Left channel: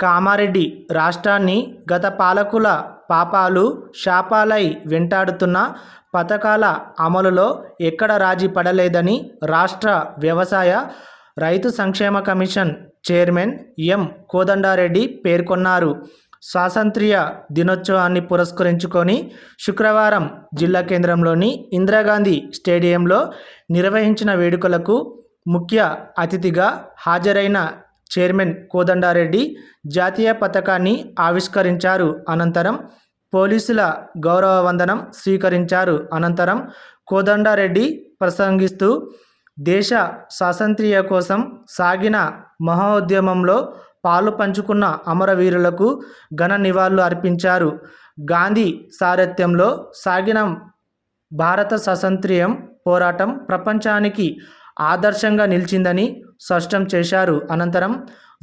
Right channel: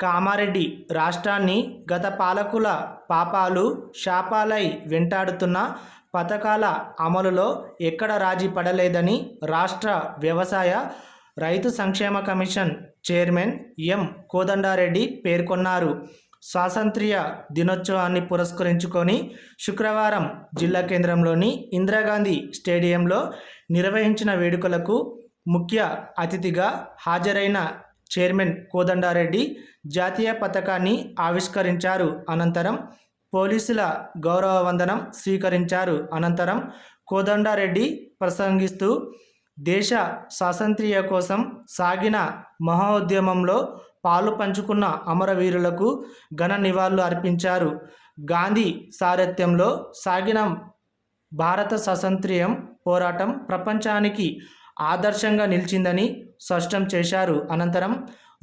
కామారెడ్డి రాష్ట్రాన్ని గత పాలకుల పాపాలు శాపాలై వెంటాడుతున్న పథకాల అమలులో ఎక్కడ రాజీ పడలేదని రాష్ట్ర వ్యవసాయ, రైతు సంక్షేమ కమిషన్ చైర్మన్ ఎం. కోదండారెడ్డి పేర్కొన్నారు. స్వాతంత్య్ర దినోత్సవాన్ని పురస్కరించుకొని శుక్రవారం జిల్లా కేంద్రంలోని ఇందిరాగాంధీ స్టేడియంలో నిర్వహించిన వేడుకలకు ముఖ్య అతిథిగా హాజరైన చైర్మన్ కోదండారెడ్డి జాతీయ పతాకాన్ని ఆవిష్కరించారు. అనంతరం పోలీసుల గౌరవ వందనం స్వీకరించారు. అనంతరం కోదండారెడ్డి ప్రసంగిస్తూ దేశ స్వాతంత్ర్యం కోసం సాగిన మహోద్యమంలో పాలు పంచుకున్న అమరవీరులకు ఘన నివాళులు అర్పించారు. గాంధీ సారథ్యంలో సాగిన భారత స్వాతంత్ర్యం పోరాటం ప్రపంచానికి ఆదర్శంగా నిలిచిందని స్పష్టం చేశారు. అనంతరం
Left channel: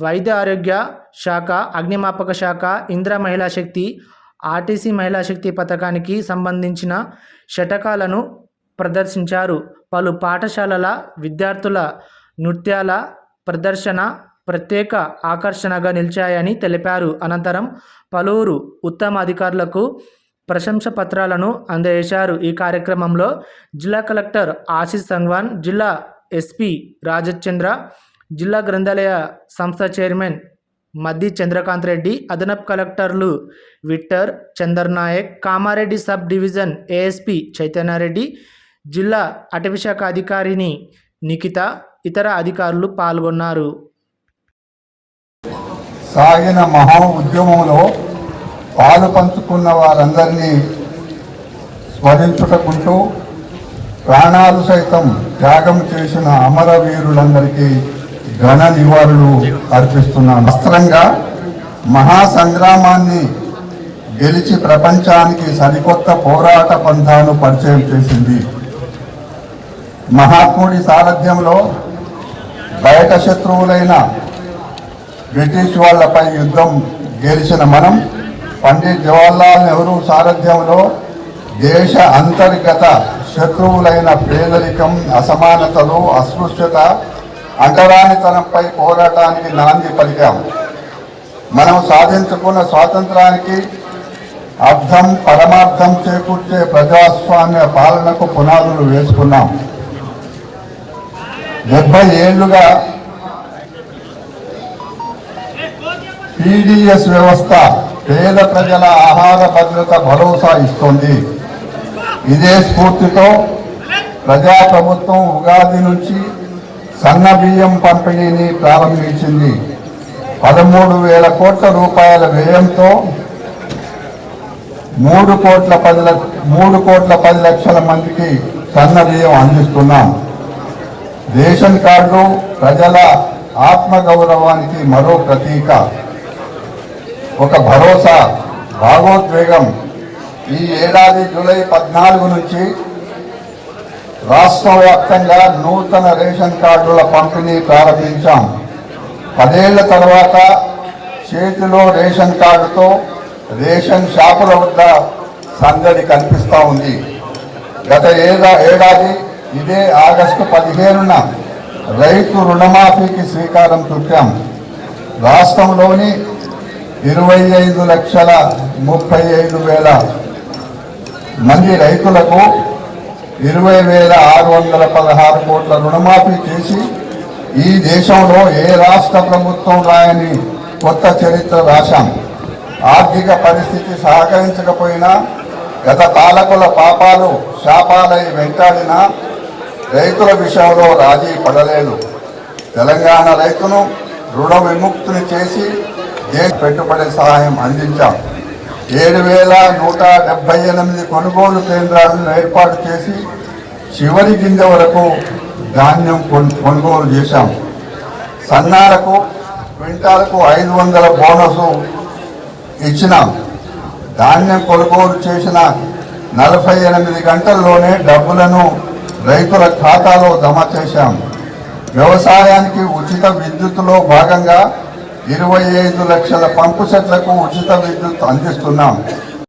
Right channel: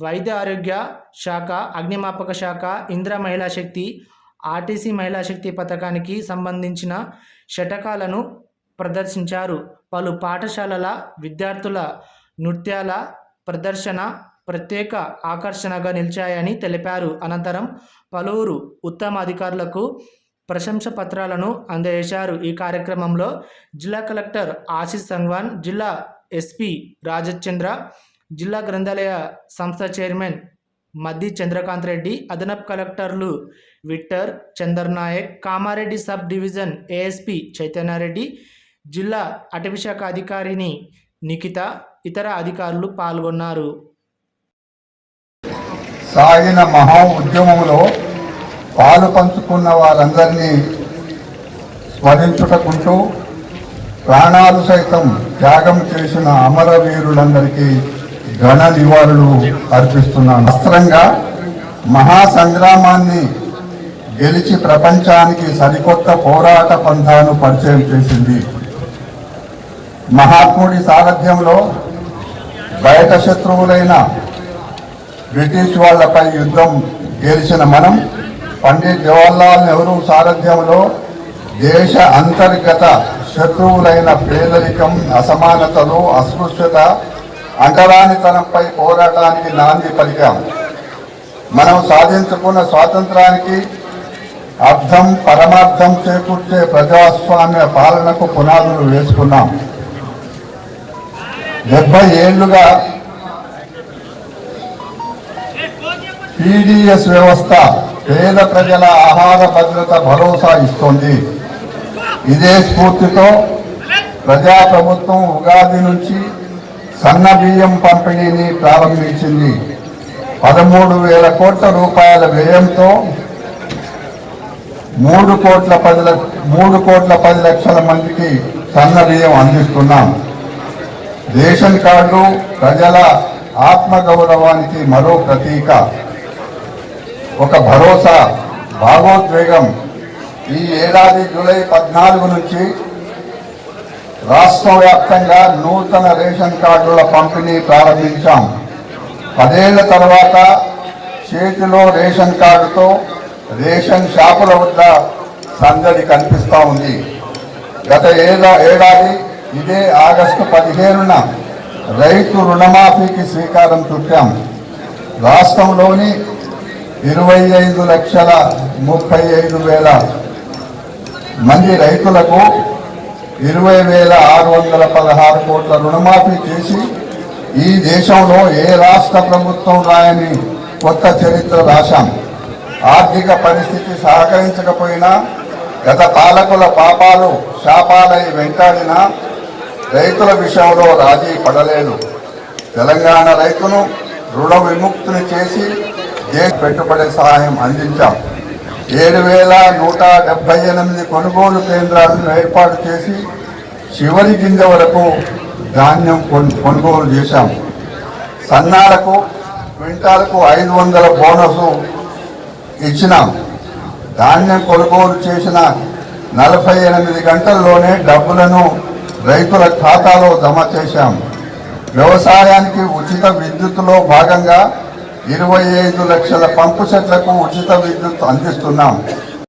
వైద్య ఆరోగ్య శాఖ, అగ్నిమాపక శాఖ, ఇందిరా మహిళా శక్తి, ఆర్టీసీ మహిళా శక్తి పథకానికి సంబంధించిన శటకాలను ప్రదర్శించారు. పలు పాఠశాలల విద్యార్థుల నృత్యాల ప్రదర్శన ప్రత్యేక ఆకర్షణగా నిలిచాయని తెలిపారు. అనంతరం పలువురు ఉత్తమ అధికారులకు ప్రశంస పత్రాలను అందజేశారు. ఈ కార్యక్రమంలో జిల్లా కలెక్టర్ ఆశీష్ సంగ్వాన్, జిల్లా ఎస్పీ రాజచంద్ర, జిల్లా గ్రంథాలయ సంస్థ చైర్మన్ మద్ది చంద్రకాంత్ రెడ్డి, అదనపు కలెక్టర్లు Victor Chandarnayak, Kamareddy sub division ASP Chaitanya Reddy, జిల్లా అటవీశాఖ అధికారిని నిఖిత, ఇతర అధికారులు పాల్గొన్నారు. సాగిన మహా ఉద్యమంలో పాలు పంచుకున్న వారందరినీ స్మరించుకుంటూ ప్రాణాలు సైతం త్యాగం చేసిన అమరవీరులందరికీ ఘన నివాళులు అర్పిస్తున్నాను. వస్త్రంగా మహాసంగ్రామాన్ని గెలిచి ప్రపంచానికి సరికొత్త పోరాట పంథాను పరిచయం చేసింది. మహాత్ముడి సారథ్యంలో బయట శత్రువులైన బ్రిటిష్ వాళ్లపై యుద్ధం గెలిచిన మనం, పండిత్ జవహర్లాల్ నెహ్రూ సారథ్యంలో దేశ అంతర్గత శత్రువులైన పేదరికం, అసమానతలు, అస్పృశ్యత, అంటరానితనంపై పోరాటానికి నాంది పలికాం. మనం సాధించుకున్న స్వాతంత్రానికి అర్థం, పరమార్థం చేకూర్చే ప్రజాస్వామ్య పాలనకు పునాదులు వేసుకున్నాం. 70 ఏళ్లుగా పీడీఎస్ వ్యవస్థ పేద ప్రజల ఆహార భద్రత భరోసా ఇస్తోంది. ఇదే స్ఫూర్తితో ప్రజాప్రభుత్వం ఉగాది నుంచి సన్న బియ్యం పంపిణీని ప్రారంభించింది. 13,000 కోట్ల రూపాయల వ్యయంతో 3,10 లక్షల మందికి సన్న బియ్యం అందిస్తున్నాం. రేషన్ కార్డు ప్రజల ఆత్మగౌరవానికి మరో ప్రతీక, ఒక భరోసా, భావోద్వేగం. ఈ ఏడాది జూలై 14 నుంచి రాష్ట్ర వ్యాప్తంగా నూతన రేషన్ కార్డుల పంపిణీ ప్రారంభించాం. 10 ఏళ్ల తర్వాత చేతిలో రేషన్ కార్డుతో రేషన్ షాపుల వద్ద సందడి కనిపిస్తూ ఉంది. గత ఏడాది ఇదే ఆగస్టు 15న రైతు రుణమాఫీకి శ్రీకారం చుట్టాం. రాష్ట్రంలోని 25,35,000 మంది రైతులకు 20,616 కోట్ల రుణమాఫీ చేసి ఈ దేశంలో ఏ రాష్ట్ర ప్రభుత్వం రాయని కొత్త చరిత్ర రాశాం. ఆర్థిక పరిస్థితి సహకరించకపోయినా, గత పాలకుల పాపాలు శాపాలై వెంటాడినా రైతుల విషయంలో రాజీ పడలేదు. తెలంగాణ రైతును రుణ విముక్తిని చేసి పెట్టుబడి సహాయం అందించాం. 7,178 కొనుగోలు కేంద్రాలను ఏర్పాటు చేసి చివరి గింజ వరకు ధాన్యం కొనుగోలు చేశాం. సన్నాలకు క్వింటాలకు 500 బోనస్ ఇచ్చినాం. ధాన్యం కొనుగోలు చేసిన 48 గంటల్లోనే డబ్బులను రైతుల ఖాతాలో జమ చేశాం. వ్యవసాయానికి ఉచిత విద్యుత్తులో భాగంగా 25 లక్షల పంపు సెట్లకు ఉచిత విద్యుత్ అందిస్తున్నాం.